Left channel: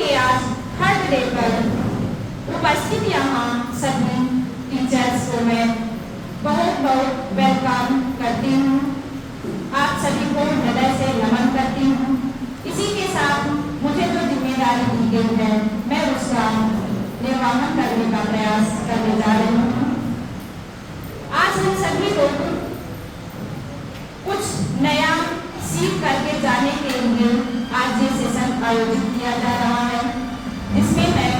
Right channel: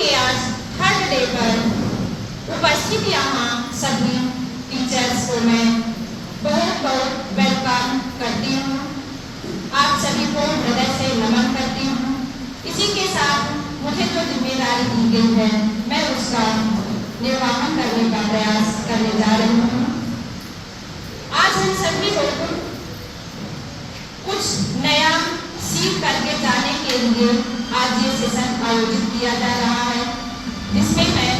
के आज third day पर उपस्थित यहाँ सभी टीचर्स को मैं बहुत बहुत वेलकम करती हूँ। आप सभी को हृदय से नमन करती हूँ। इसी के साथ मुझे जो जिम्मेदारी दी गई है मैं उसका निर्वहन करने का प्रयास करने जा रही हूँ। आज हम सभी लोग कुछ नया सीख करके जाने के लिए आज ये सेशन आयोजित किया जा रहा है। इसमें मैं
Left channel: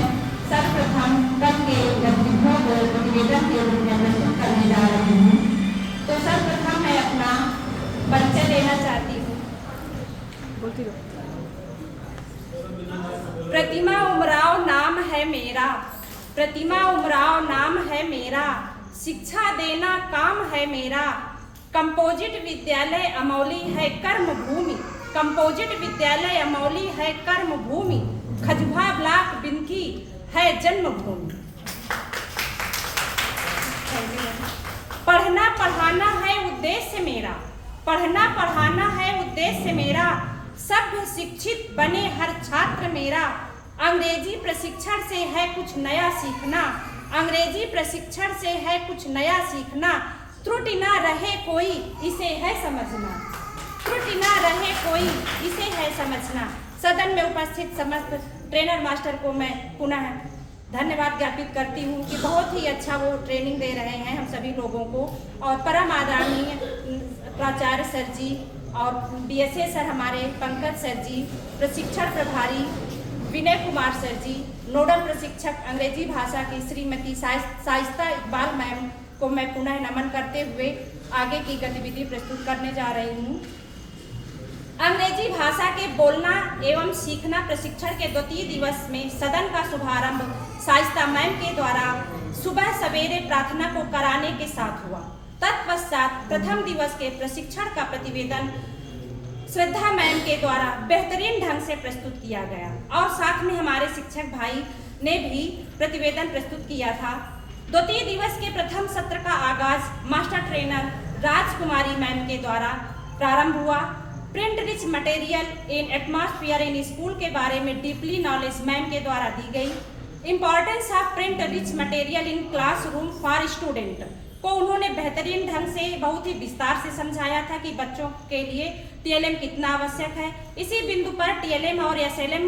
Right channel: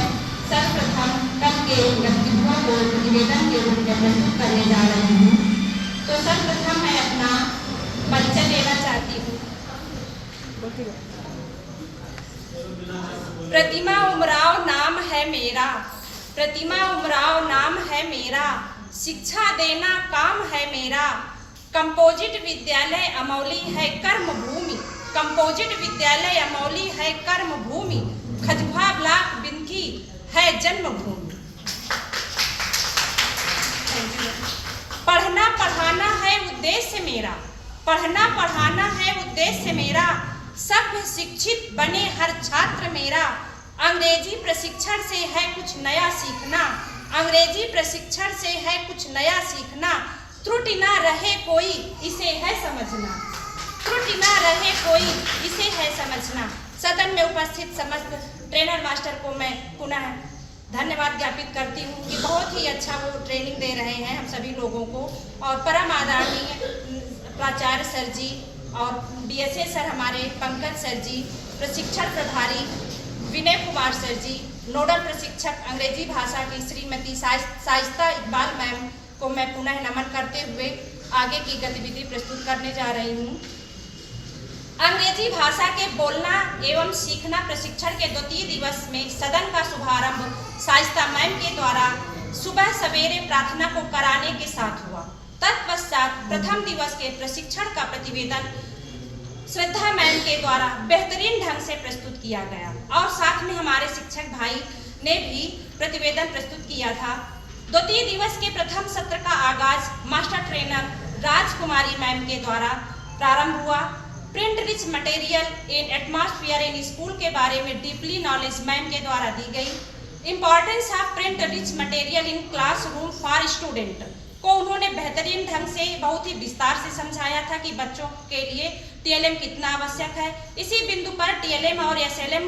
सर्वप्रथम कल के गतिविधियों को प्रतिवेदन के रूप में प्रस्तुत करने जा रही हूँ। तो सर्वप्रथम मैं अपना परिचय देना चाहती हूँ। प्रतिमा उमराव नाम है मेरा, प्रतिमा उमराव नाम है मेरा, शिक्षा देना काम है मेरा। कंपोजिट विद्यालय अमौली है कर्म भूमि, कंपोजिट विद्यालय अमौली है कर्म भूमि, खजुहा ब्लॉक बिंथी है जन्मभूमि। पढ़ना पढ़ाना है उद्देश्य मेरा, पढ़ना पढ़ाना है उद्देश्य मेरा, सभ्य शिक्षित बने हर छात्र मेरा। अंग्रेजी प्रशिक्षण से है कुछ नया सीखना, अंग्रेजी प्रशिक्षण से है कुछ नया सीखना। त्रुटि ना रहे कोई इसे है समझना, त्रुटि ना रहे कोई इसे है समझना। सदन में उपस्थित समस्त ट्रेनर मास्टर को मैं पुनः धन्यवाद ज्ञापित करती हूँ कि बहुत ही अच्छा वो ट्रेनिंग दे रहे हैं हम सभी लोगों को। और परम आदरणीय प्राचार्य सर जी और बीएसए सर हमारे पंकज सर जी, प्रशिक्षण प्रभारी विनय कुमार सर जी, नोडल प्रशिक्षक अंग्रेजी भाषा की श्रीमती साइस्ता इकबाल मैम को मैं पुनः नमन करते हुए आगे की गतिविधि प्रस्तुत करने जा रही हूँ। अंग्रेजी भाषा के बोलना एवं सीखना प्रशिक्षण के द्वितीय दिवस में सदन का शुभारंभ साइस्ता मैम के द्वारा सुबह सवेरे प्रार्थना को कराने के साथ हुआ। तत्पश्चात प्रथम दिवस के प्रशिक्षण का प्रतिवेदन श्रद्धा मैम के द्वारा बेहतरीन ढंग से प्रस्तुत किया गया और साथ में हमारे शिक्षक भाई ने भी प्रतिवेदन प्रस्तुत किया था। द्वितीय दिवस के प्रथम सत्र का आगाज मास्टर ट्रेनर राजकुमारी मैम के द्वारा प्रारंभ हुआ। Print rich material in atmosphere in school के बारे में डीपली नॉलेज मैम के द्वारा दी गई। Importance of print rich material in classroom for student को उन्होंने बेहतरीन ढंग से बहुत ही विस्तार से समझाया था कि बच्चों के लिए टीएलएम कितना आवश्यक है। इसी बिंदु पर टीएलएम और एसएलएम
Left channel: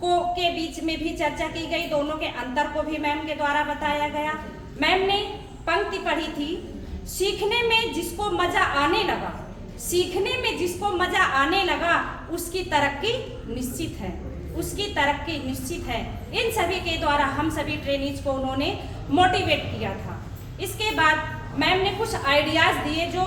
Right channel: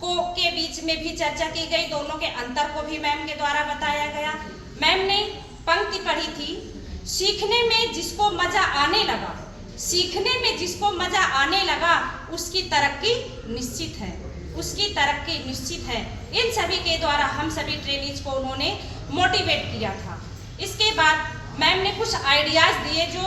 को के बीच में भी चर्चा की गई, दोनों के अंतर को भी मैम के द्वारा बताया गया। मैम ने पंक्ति पढ़ी थी, सीखने में जिसको मजा आने लगा, सीखने में जिसको मजा आने लगा उसकी तरक्की निश्चित है, उसकी तरक्की निश्चित है। इन सभी के द्वारा हम सभी ट्रेनीज को उन्होंने मोटिवेट किया था। इसके बाद मैम ने कुछ आइडियाज दिए जो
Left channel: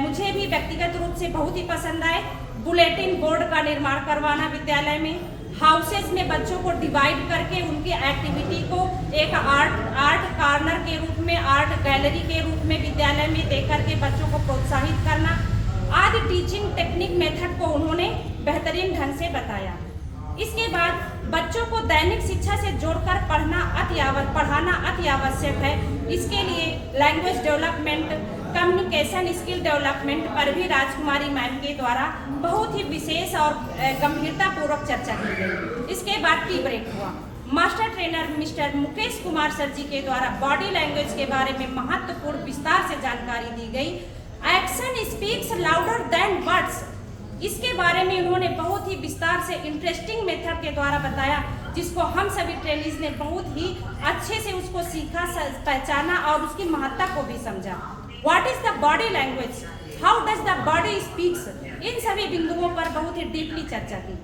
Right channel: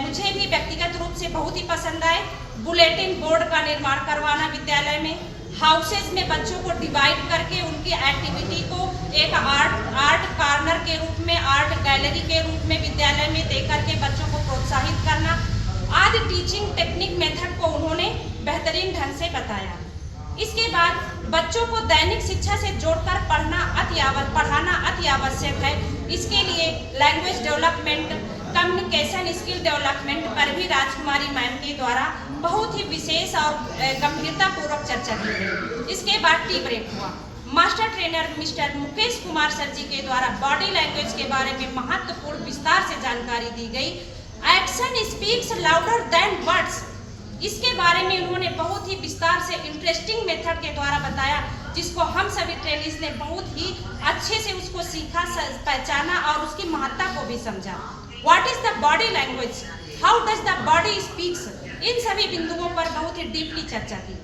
मुझे भी व्यक्तिगत रूप से बहुत ही पसंद आए। बुलेटिन बोर्ड का निर्माण करवाना विद्यालय में, हाउसेज में बच्चों को डिवाइड करके उनकी एक्टिविटी को एक आर्ट कॉर्नर के रूप में, आर्ट गैलरी के रूप में विद्यालय में देकर के बच्चों को प्रोत्साहित करना आदि टीचिंग टेक्निक मेथड को उन्होंने बेहतरीन ढंग से बताया। इसके बाद बच्चों को दैनिक शिक्षा से जोड़कर पढ़ाना अति आवश्यक है। इसके लिए language development, communication skill development पर भी राजकुमारी मैम के द्वारा बहुत ही विशेष और गंभीरतापूर्वक चर्चा की गई। इसके बाद टी ब्रेक हुआ। Master trainer mister Mukesh Kumar sir ji के द्वारा बॉडी लैंग्वेज के बारे में महत्वपूर्ण विस्तार से जानकारी दी गई। Action speaks louder than words, इसके बारे में उन्होंने बहुत ही विस्तार से इंटरेस्टिंग मेथड के द्वारा बताया, जिसको हम सभी ट्रेनीज ने बहुत ही अच्छे से उसको सीखा, पहचाना और उसकी महत्ता को भी समझा। What is the body language, how does the body speaks, इन सभी बिंदुओं पर बहुत ही डीपली चर्चा की।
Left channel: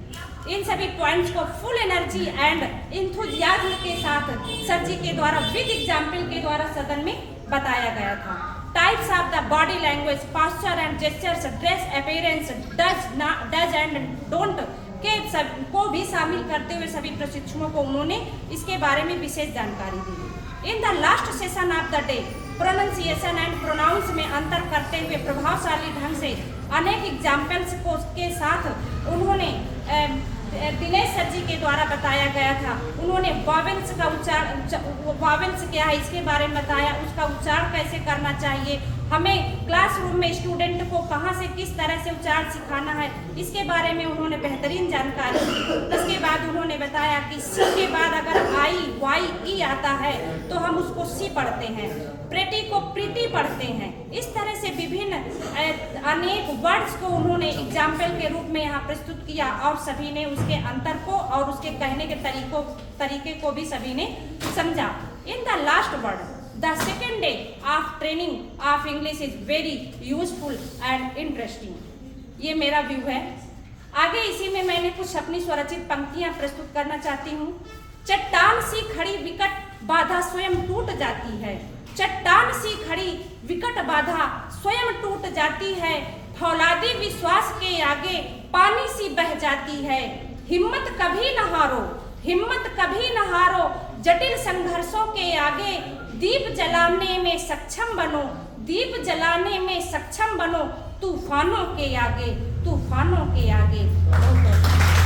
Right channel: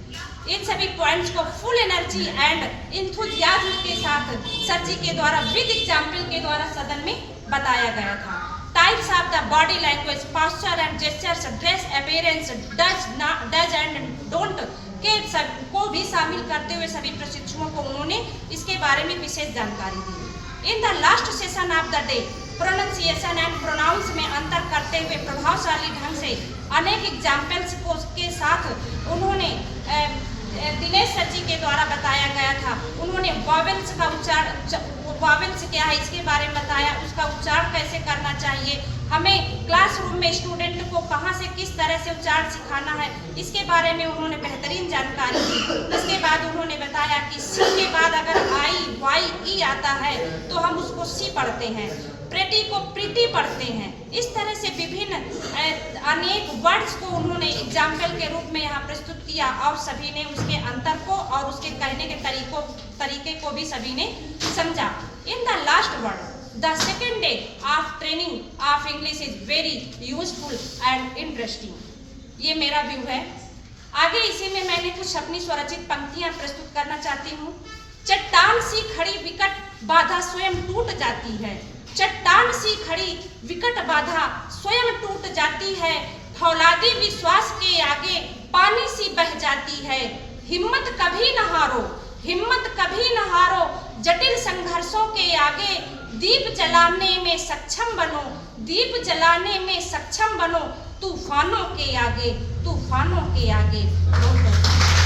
इन सभी पॉइंट्स को फुल एनर्जी एंड इंथुजियाज्म के साथ सर जी के द्वारा विद एग्जाम्पल के द्वारा सदन में बताया गया था। Types of the body language, posture and gestures, dress appearance, does and don't के को भी शामिल करते हुए सभी प्रशिक्षुओं को उन्होंने इसके बारे में विशेष जानकारी दी। In the last session of the day pronunciation and pronounce में अंतर करते हुए प्रभावशाली ढंग से अनेक एग्जाम्पल्स को के साथ उन्होंने दिनेश सर जी के द्वारा बताया गया था। उन्होंने वॉवेल्स का वॉवेल्स क्या है इसके बारे में बताया, उसका उच्चारण कैसे करना चाहिए, हमें क्लासरूम में स्टूडेंट को कहाँ से किस तरह से उच्चारण सिखाना है, इसके बारे में उन्होंने बेहतरीन जानकारी दी। इसके बाद उन्होंने बताया कि सी के बाद अगर आई वाई ई आता है तो हम उसको सी पढ़ते हैं, प्रेटी को प्रीति पढ़ते हैं। इस तरह से विभिन्न अनेक वर्ड्स को उन्होंने एग्जाम्पल के रूप में यहाँ प्रस्तुत किया और सभी ने उसके अंतर को और उसके कहने के तरीके को भी सभी ने समझा। इन the last word The second day of training of English is very useful and interesting। ये मेरा व्यू है। आगे इसी में मैंने कुछ अपनी स्वरचित पंक्तियां प्रस्तुत करना चाहती हूँ। चट्टान सी खड़ी विकट बाधा स्वयं टूट जाती है, चट्टान सी खड़ी विकट बाधा स्वयं टूट जाती है, फौलादी विश्वास के आगे पानी सी बह जाती है। हिम्मत कभी न हारो, हिम्मत कभी न हारो, जटिल संघर्षों के आगे दीप जलाने में सक्षम बनो, दीप जलाने में सक्षम बनो, तूफानों के आगे, तूफानों के आगे।